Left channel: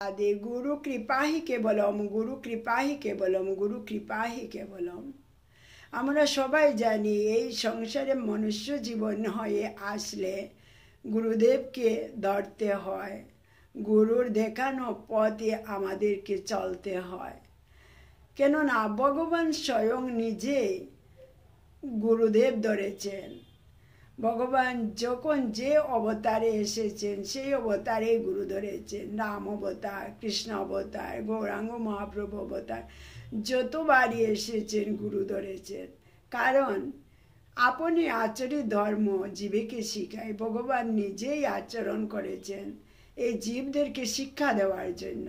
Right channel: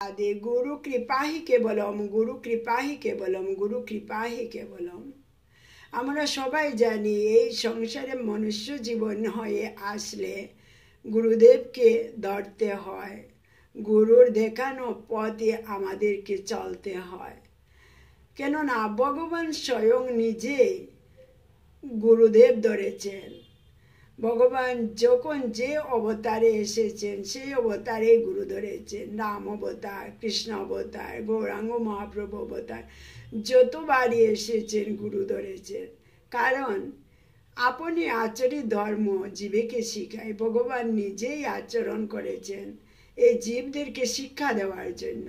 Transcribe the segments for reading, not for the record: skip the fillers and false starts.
आदि गुरु कृपा ही केवलम, गुरु कृपा ही केवलम, गुरु कृपा ही केवलम। আমরা সবাই জানি এই সংসারে মনুষ্য জীবন হয়ে আসলে গুরুদেবকে ধরতে হয়, গুরুর দেখানো পথে আমাদেরকে চলতে হয়। কেননা ভগবান স্বয়ং নিজে গুরুদেব ধরেছেন। ভগবান যখন যে অবতারে এসেছেন সেই অবতারে গুরু ধরেছেন। রাম অবতার, কৃষ্ণ অবতার, গৌরাঙ্গ মহাপ্রভু অবতার, যতবারই এসেছেন গুরু ধরেছেন। কারণ আপনি আচরিত ধর্ম জীবকে শিখায়। ভগবান নিজেই আচরণ করেছেন এই জীবদেরকে শিক্ষা দেওয়ার জন্য।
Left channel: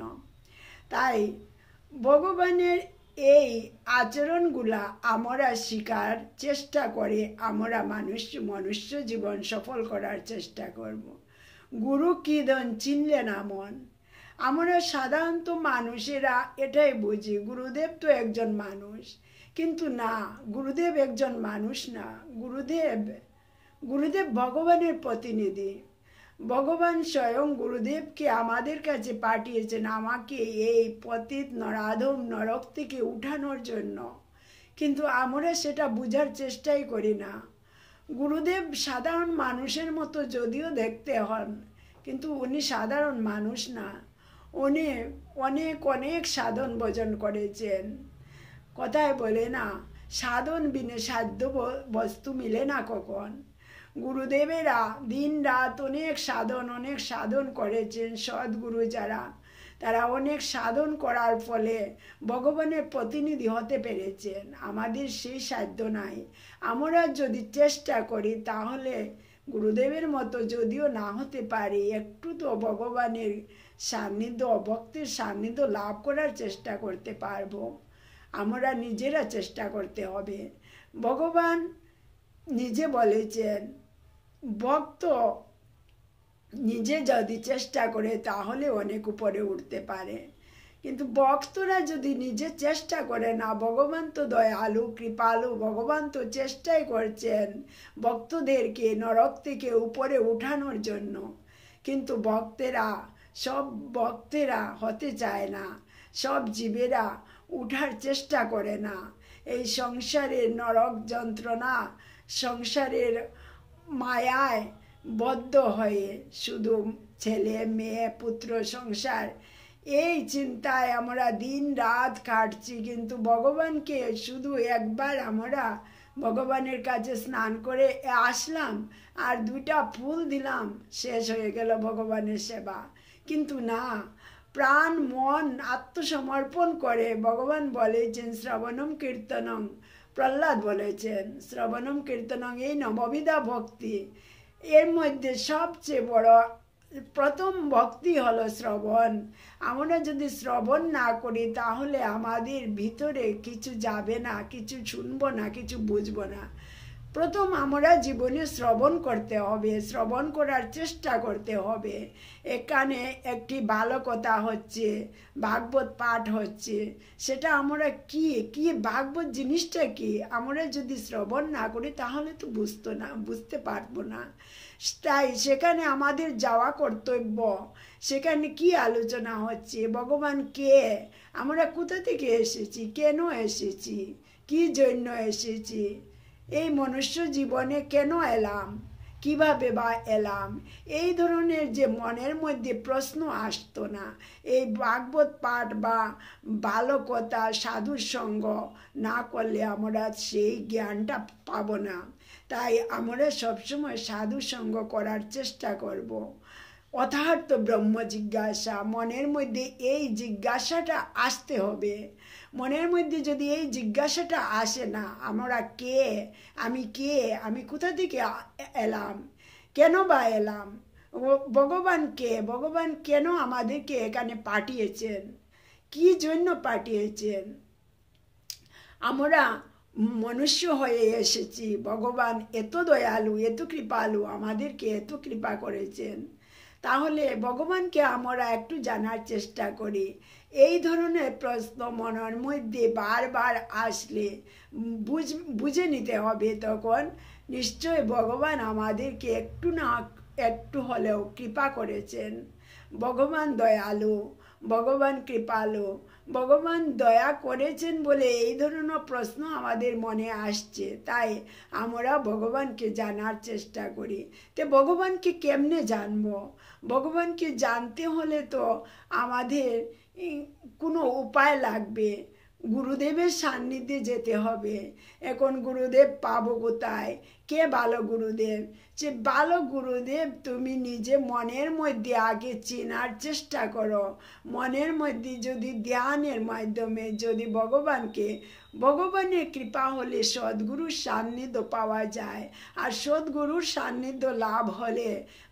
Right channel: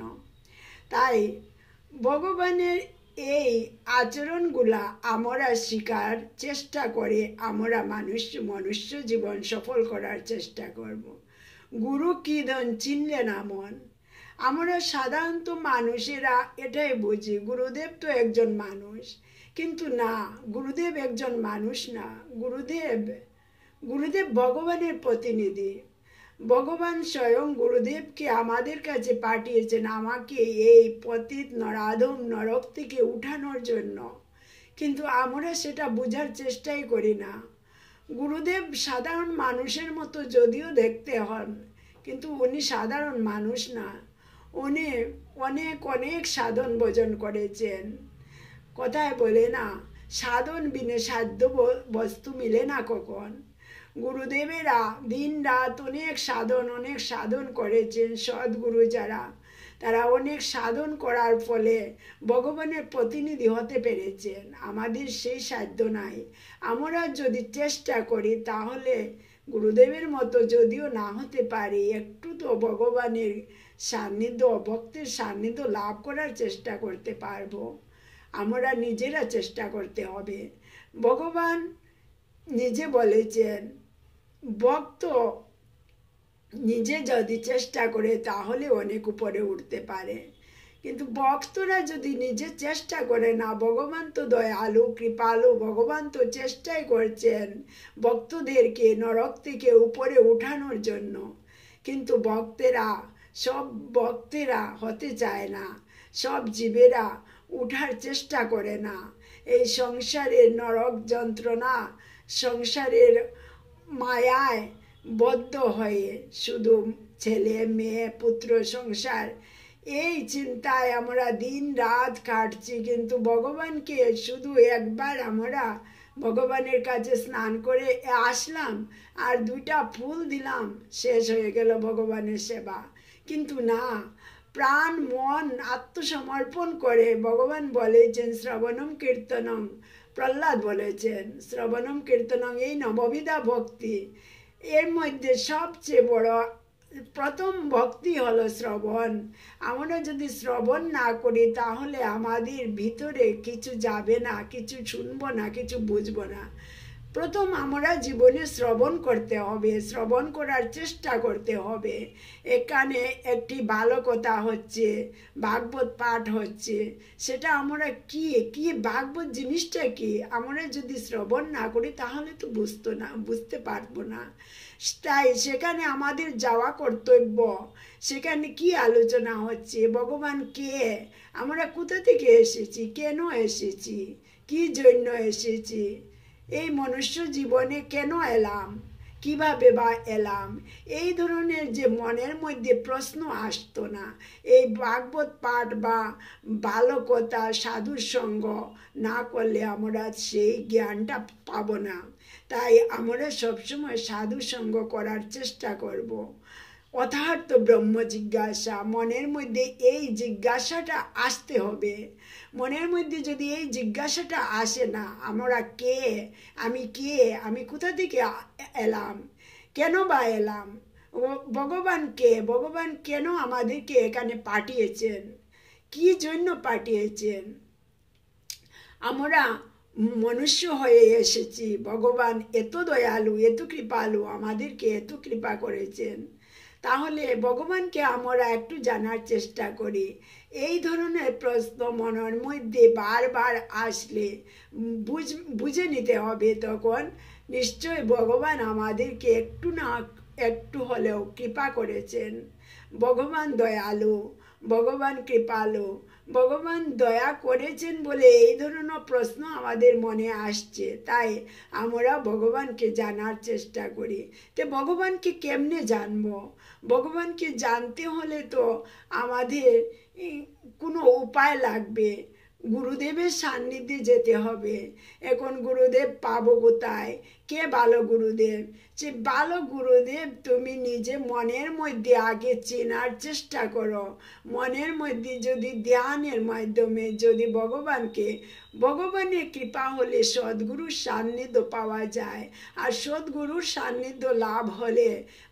তাই ভগবানের এই আচরণগুলা আমরা শিকার চেষ্টা করে আমরা মনুষ্য জীবন সফল করার চেষ্টা করব। গুরু কি ধন চিনলে না মন। আমরা সাধারণত মানুষেরা এটাই বুঝি গুরুদেব তো একজন মানুষ, কিন্তু না, গুরুদেব একজন মানুষ না। গুরুদেব ভগবানের প্রতিনিধি। ভগবান স্বয়ং গুরুদেবকে আমাদের কাছে পাঠিয়েছেন আমাকে এই পতিত নরাধম নরক থেকে উঠানোর জন্য। কিন্তু আমরা সেটা বোঝার চেষ্টাই করি না। গুরুদেব সাধারণ মানুষের মতো যদিও দেখতে হন, কিন্তু উনি সাধারণ মানুষ না। উনি অনেক অনেক সাধন ভজন করেছেন। কথায় বলে না, সাধন বিনে সাধ্য বস্তু মিলে না কখন। গুরুদেবেরা দিন রাত অনেক সাধন করেছেন। সদ্গুরু যারা, তারা অনেক সাধন করার ফলে ভগবানের প্রতিনিধি হতে পেরেছেন। আমাদের সেই সাধ্য নাই। আমরা যদি চেষ্টা করি তাহলে গুরুদেবের মতো যদিও না হতে পারি, একটু তো ভগবানের সান্নিধ্য, ভক্তের সান্নিধ্য লাভ করার চেষ্টা করতে পারবো। আমরা নিজেরা চেষ্টা করতে হবে। ভগবান নিজে বলেছেন ভক্ত নিজে যদি চেষ্টা করে তাহলে অনেক উপরে উঠতে পারে। কিন্তু ভক্তরা যদি নিজে চেষ্টা করে না, ভগবান তো দয়ালু কৃপালু, ভগবান তো চেষ্টাই করছেন ভক্তদেরকে নরক থেকে উপরে উঠানোর জন্য। কিন্তু সব ভক্তেরা হতে চায় না, সব জীবেরা উঠার চেষ্টা করে না। এই সংসারের নরক যন্ত্রণা, সংসারের মায়ায় বদ্ধ হয়ে শুধু ছেলে মেয়ে পুত্র সংসার এই চিন্তায় আমরা দিন রাত কাটছি। কিন্তু ভগবানকে শুধু একবার আমরা ভগবানের কাছে স্নান করে আসলাম আর 2টা ফুল দিলাম, শেষ হয়ে গেল ভগবানের সেবা। কিন্তু না, প্রাণ মন আত্মসমর্পণ করে ভগবান বলেছেন শ্রবণম কীর্তনম। প্রহ্লাদ বলেছেন শ্রবণম কীর্তনম, এই নববিধা ভক্তি। এর মধ্যে সবচেয়ে বড় প্রথম ভক্তি হলো শ্রবণ। আমরা যদি শ্রবণ না করি তাহলে আমাদের ভিতরে কিছু যাবে না, কিছু শুনবো না, কিছু বুঝবো না। প্রথম আমরা জীবনে শ্রবণ করতে হবে, শ্রবণ করার চেষ্টা করতে হবে। এখানে একটি ভালো কথা হচ্ছে, ভাগবত পাঠ হচ্ছে, সেটা আমরা কি ভাগবত জিনিসটা কি আমরা যদি শ্রবণ না করি তাহলে তো বুঝতে পারবো না। তাই সেখানে আমাদের যাওয়া কর্তব্য। সেখানে কি আলোচনা হচ্ছে, ভগবান কে, আমরা কোথা থেকে এসেছি, কেন এসেছি, কি জন্য এসেছি, এই মনুষ্য জীবনে কেন এলাম, কিভাবে বা এলাম, এই ধরনের যে মনের মধ্যে প্রশ্ন আসতো না, এই ভাগবত পাঠ বা ভালো কথা সাধুর সঙ্গ না করলে আমরা সেই জ্ঞানটা পাবো না। তাই আমরা সবসময় সাধু সঙ্গ করার চেষ্টা করব। অথার্থ ব্রহ্ম জিজ্ঞাসা, মনের মধ্যে এই জিজ্ঞাসাটা আসতে হবে। মনের মধ্যে যদি এই জিজ্ঞাসাটা আসে না, আমরা কে, আমি কোথা থেকে এলাম, কেন বা এলাম, ভগবান কে, ভগবান কেন আমাদেরকে এখানে পাঠিয়েছেন, কি জন্য পাঠিয়েছেন। আমরা মনুষ্য হয়ে এসেছি, ভগবান এত দয়ালু এত কৃপালু, আমাদেরকে এত কৃপা করেছেন। তাহলে ভগবানকে আমরা একটু জানার চেষ্টা করি। এই ধরনের প্রশ্ন মনের মধ্যে বারবার আসলে বুঝে নিতে হবে, তখন নিশ্চয় ভগবান আমাদেরকে একটু না একটু হলেও কৃপা করেছেন। ভগবান দয়ালু, ভগবান কৃপালু, ভগবান দয়া করেছেন বলে এই ধরনের প্রশ্ন আমাদের মনে আসছে। তাই আমরা ভগবানকে জানার চেষ্টা করি। তো ভগবানকে কেমনে জানবো? ভগবানকে জানতে হলে তো আমাদের কোনো উপায় লাগবে। গুরুদেবের সান্নিধ্যে যেতে হবে। এখন গুরুদেব পাবো কোথায়? কে ভালো গুরুদেব? যে ভালো গুরুদেব তুমি নিজে মনের মধ্যে আগে চেনার চেষ্টা করো। মনের মধ্যে যদি ধ্যানের মাধ্যমে যদি ভগবানের কৃপা হলে সদ্গুরুর সান্নিধ্য পাওয়া যায়। আর সদ্গুরুর সান্নিধ্য লাভ হলে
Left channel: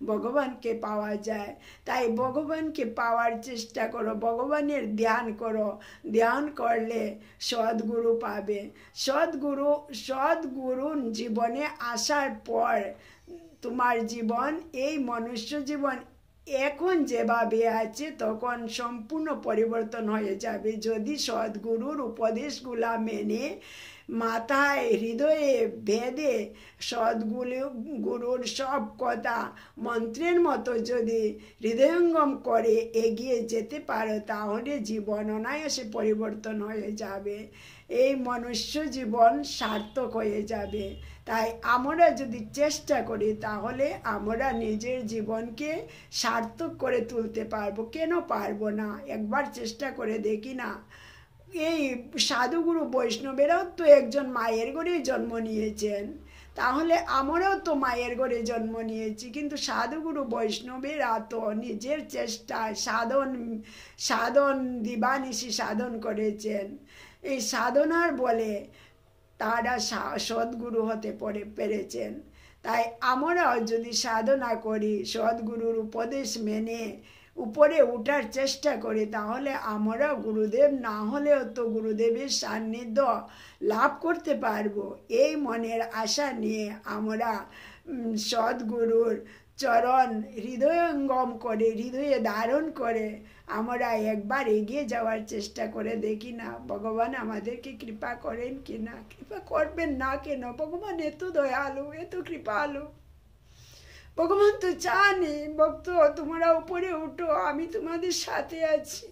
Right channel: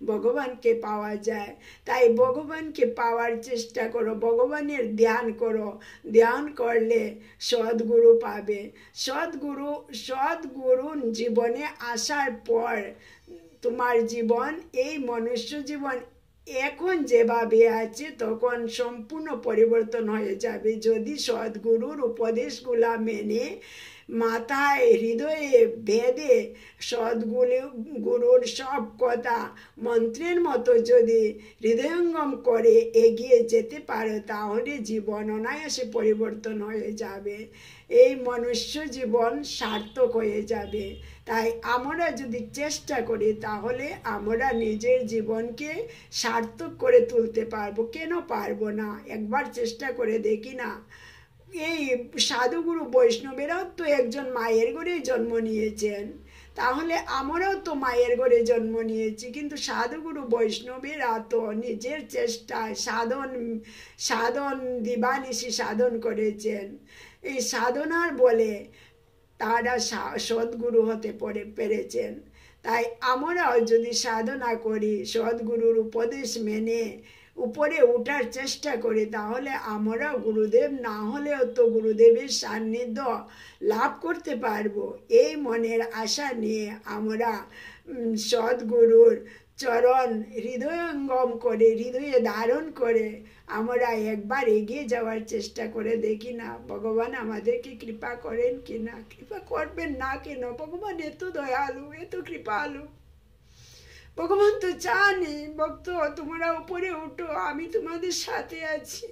ভগবানকে পাওয়া যায়। তাই ভগবানকে পাওয়ার চেষ্টা করো, ভগবানের ধ্যান করো। ধ্যান করলে সদ্গুরু পাবে। সদ্গুরু জীবনে আসার পর তোমার জীবন, এই মনুষ্য জীবন এখন যেভাবে আছে তখন সম্পূর্ণ পরিবর্তন হয়ে যাবে। যদি সদ্গুরুর উপদেশগুলা মেনে মাথায় হৃদয়ে বেঁধে সদ্গুরুর সব কথা মন্ত্রের মতো যদি হৃদয়ঙ্গম করে এগিয়ে যেতে পারো, তাহলে জীবন অনায়াসে পরিবর্তন হয়ে যাবে। এই মনুষ্য জীবন সার্থক হয়ে যাবে। তাই আমরা যদি চেষ্টা করি তাহলে আমরা নিজের জীবনকে সার্থক করে তুলতে পারবো। কেন পারবো না? একবার চেষ্টা করে দেখি না। এই সাধুগুরু বৈষ্ণবেরাও তো একজন মায়ের ঘরেই জন্ম নিয়েছেন। তাহলে আমরাও তো মায়ের ঘরে জন্ম নিয়েছি, কিন্তু সাধুগুরু বৈষ্ণবেরা তো নিজের চেষ্টায় সাধন দিবানিশি সাধন করেছেন। এই সাধনার বলে তারা সদ্গুরু হতে পেরেছেন। তাই আমরাও যদি সাধনা করি, সদ্গুরুর উপদেশ মেনে উপরে উঠার চেষ্টা করি, তাহলে আমরা গুরুদেব না হলেও তো গুরুদেবের সান্নিধ্য লাভ করতে পারবো। এই মনের আশা নিয়ে আমরা সদ্গুরুর চরণ হৃদয়ঙ্গম করে, হৃদয়ে ধারণ করে আমরা একবার এগিয়ে যাওয়ার চেষ্টা করে দেখি না, ভগবান আমাদেরকে কৃপা করেন কিনা। কৃপা করবেন না কেন? ভগবান এত দয়ালু, এত কৃপালু। ভগবান তো চানই ভক্ত তোমরা উপরে উঠো, আমি তোমাদের সাথে আছি।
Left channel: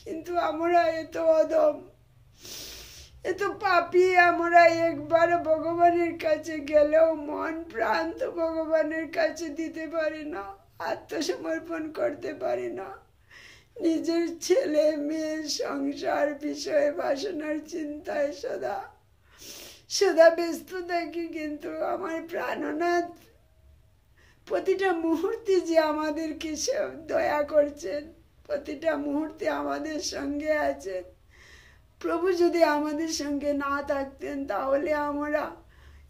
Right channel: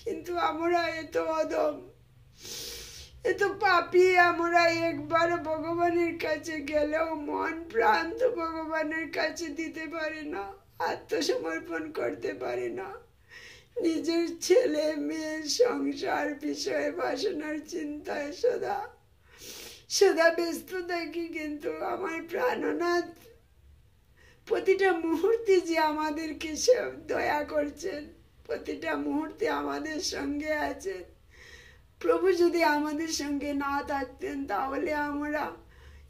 কিন্তু আমরা এত অদম, এত পাপী, আমরা একবার ভগবানের কাছে গেলেও মন প্রাণ তো ভগবানের কাছে দিতে পারি না, আত্মসমর্পণ করতে পারি না। নিজের ছেলে মেয়ে সংসার বিষয়ে বাসনার চিন্তায় সদা ব্যস্ত থাকি। কিন্তু আমার প্রাণনাথ প্রতিটা মুহূর্তে যে আমাদেরকে দয়া করছেন, প্রতিটা মুহূর্তে আমাদের সঙ্গে আছেন। প্রভু যদি আমাদের সঙ্গে না থাকতেন তাহলে আমরা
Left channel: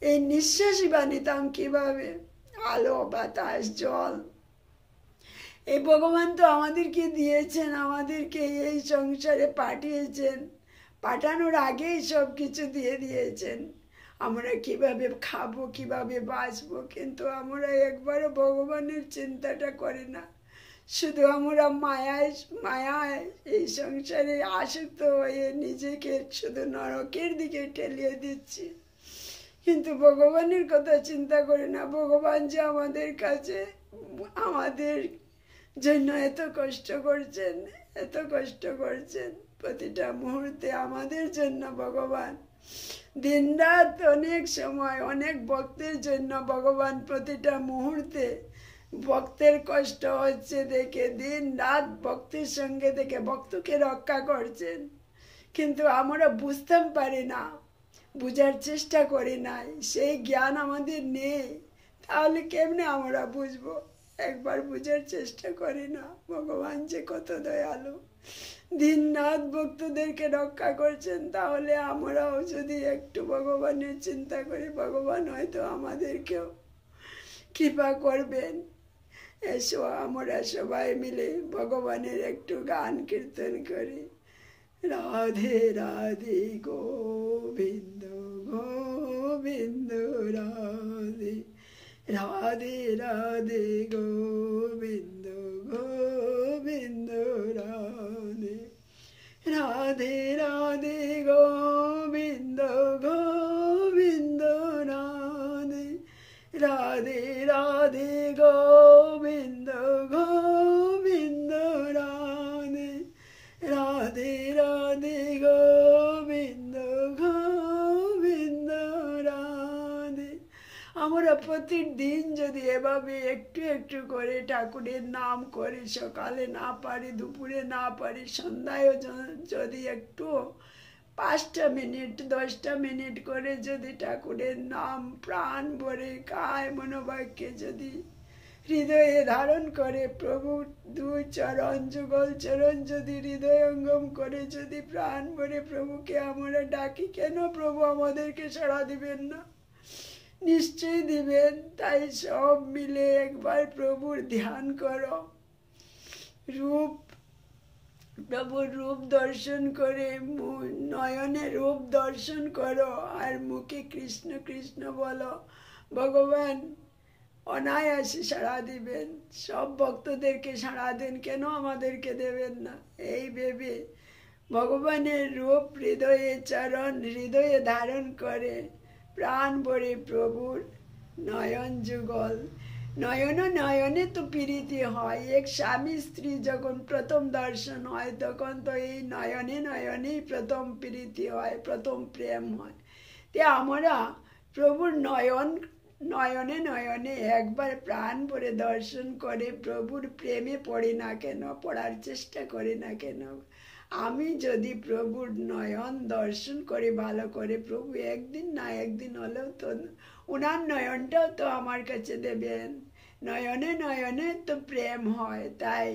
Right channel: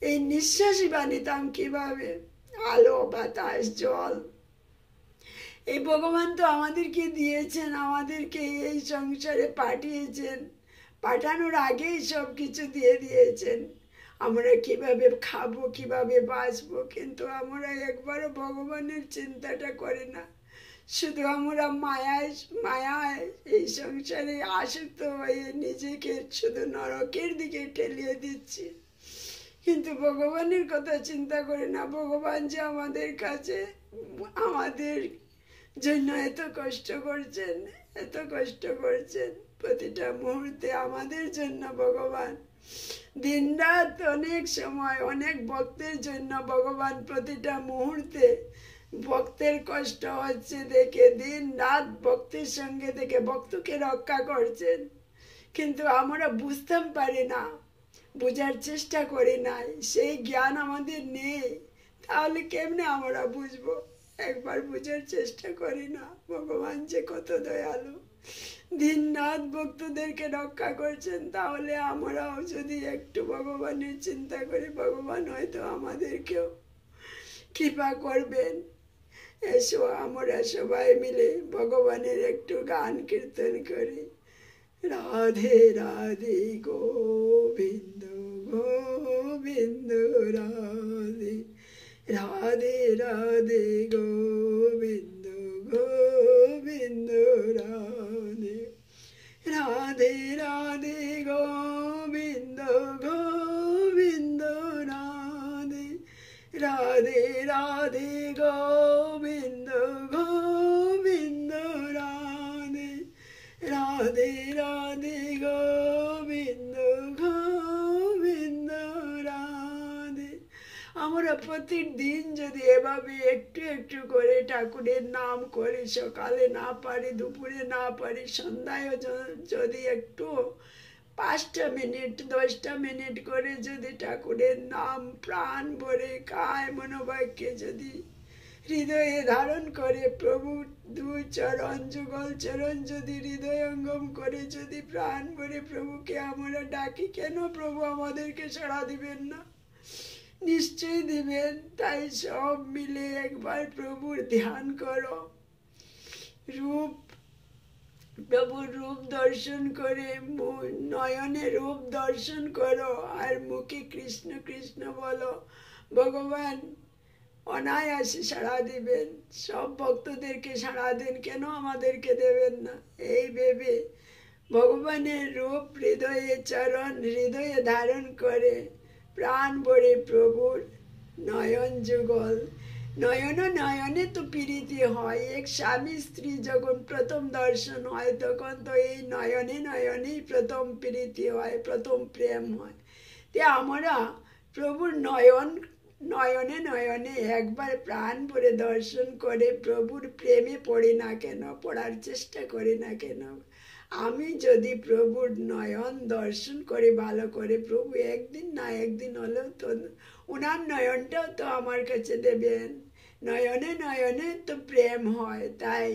এই নিঃশ্বাসই বানিতাম কিভাবে? আলো, বাতাস, জল এই ভগবান তো আমাদেরকে দিয়েছেন, আমাদেরকে এই সংসারে পাঠিয়েছেন। পাঠানোর আগেই সব কিছু দিয়ে দিয়েছেন। আমরা কিভাবে খাবো, কিভাবে বাঁচবো, কিন্তু আমরা একবারও ভগবানের চিন্তাটা করি না। শুধু আমরা মায়ায় এই সংসারে আসক্ত হয়ে নিজেকে শুধু নরকের দিকে ঠেলিয়ে দিচ্ছি, কিন্তু ভগবানের কথা চিন্তা করি না। ভগবান যে আমাদের কাছে আমাদের জন্য এত কষ্ট করছেন প্রতিটা মুহূর্তে আমাদের জন্য। ভগবান দিন রাত অনেক সময় অনেক ভক্তের জন্য ভগবান প্রতিটা মুহূর্তে ভক্তের কষ্ট হচ্ছে দেখে দিন রাত ভক্তের সঙ্গে থেকে ভক্তকে রক্ষা করছেন। কিন্তু আমরা বুঝতে পারি না, বুঝার চেষ্টা করি না, সেই জ্ঞান আমাদের নেই। তাহলে কেমনে আমরা বুঝবো? একবার বুঝার চেষ্টা করি না ভগবান যে কত দয়ালু, দিন রাত ভক্তদেরকে রক্ষা করছেন। তাহলে আমরাও যদি একটু ভগবানের চিন্তা করি, ভগবান হয়তো আমাদেরকেও কৃপা করবেন। এসো আমরা সবাই মিলে ভগবানের একটু গান কীর্তন করি। রাধে রাধে গোবিন্দ গোবিন্দ রাধে, রাধে রাধে গোবিন্দ গোবিন্দ রাধে, রাধে রাধে গোবিন্দ গোবিন্দ রাধে, রাধে রাধে গোবিন্দ গোবিন্দ রাধে। রাধে রাধে গোবিন্দ গোবিন্দ রাধে। আমরা প্রতিদিন যদি এভাবে একটু একটু করে ঠাকুরের নাম করি, সকালে না পারি, দুপুরে না পারি, সন্ধ্যায় যদি একটু 5টা মিনিট 10টা মিনিট করে যদি ঠাকুরের নাম প্রাণ ভরে কায় মনোবাক্যে যদি হৃদয়ে ধারণ করে, প্রভু 2 চরণ যুগল চরণ যদি হৃদয়ঙ্গম করে যদি প্রাণ ভরে প্রভুকে আমরা ডাকি, কেন প্রভু আমাদেরকে সাড়া দিবেন না? নিশ্চয়ই দিবেন। তাই সব মিলে একবার প্রভুর ধ্যান করো, প্রভুর রূপ দর্শন করে, নয়নে রূপ দর্শন করো আর মুখে কৃষ্ণ কৃষ্ণ বলো। ভগবান অনায়াসে সাড়া দিবেন। সব ভক্তদেরকে সাড়া দেন, কেন আমাদেরকে দেবেন না? এই ভেবে ভগবানের রূপ হৃদয়ে চরণ হৃদয়ে ধারণ করে প্রাণ ভরে প্রভুর নয়ন যুগল। নয়নে তো প্রীতি হয়। এক স্বামী স্ত্রী যখন প্রথম দর্শন হয় তখন তো এই নয়নেই প্রথম প্রীতি হয়, প্রথম প্রেম হয়। তে আমরা প্রভুর নয়নে একবার প্রাণ ভরে দর্শন করে প্রভুর প্রেমে পড়ি না কেন, পড়ার চেষ্টা করি না কেন? আমি যদি প্রভুর নয়ন দর্শন করে ভালো করে, প্রভু একদিন না একদিন হলেও তো উনার নয়নটাও তো আমার কাছে দেবেন। নয়নে তো প্রেম হয়। তাই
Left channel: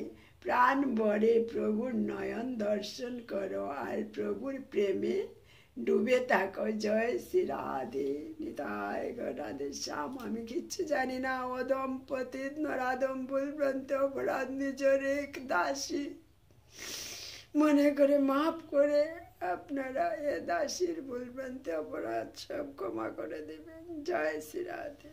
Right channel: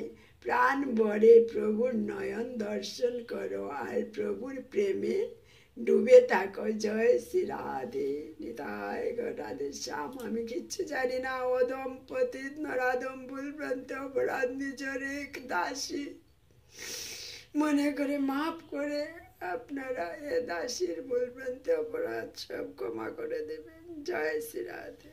প্রাণ ভরে প্রভুর নয়ন দর্শন করো আর প্রভুর প্রেমে ডুবে থাকো। জয় শ্রী রাধে। নিতাই গৌর রাধে শ্যাম। আমি কিচ্ছু জানি না, অদম পতিত নরাধম ভুলভ্রান্ত অপরাধ নিজের এক দাসী মনে করে মাফ করে আপনারা এ দাসীর ভুলভ্রান্ত অপরাধ সব ক্ষমা করে দেবেন। জয় শ্রী রাধে।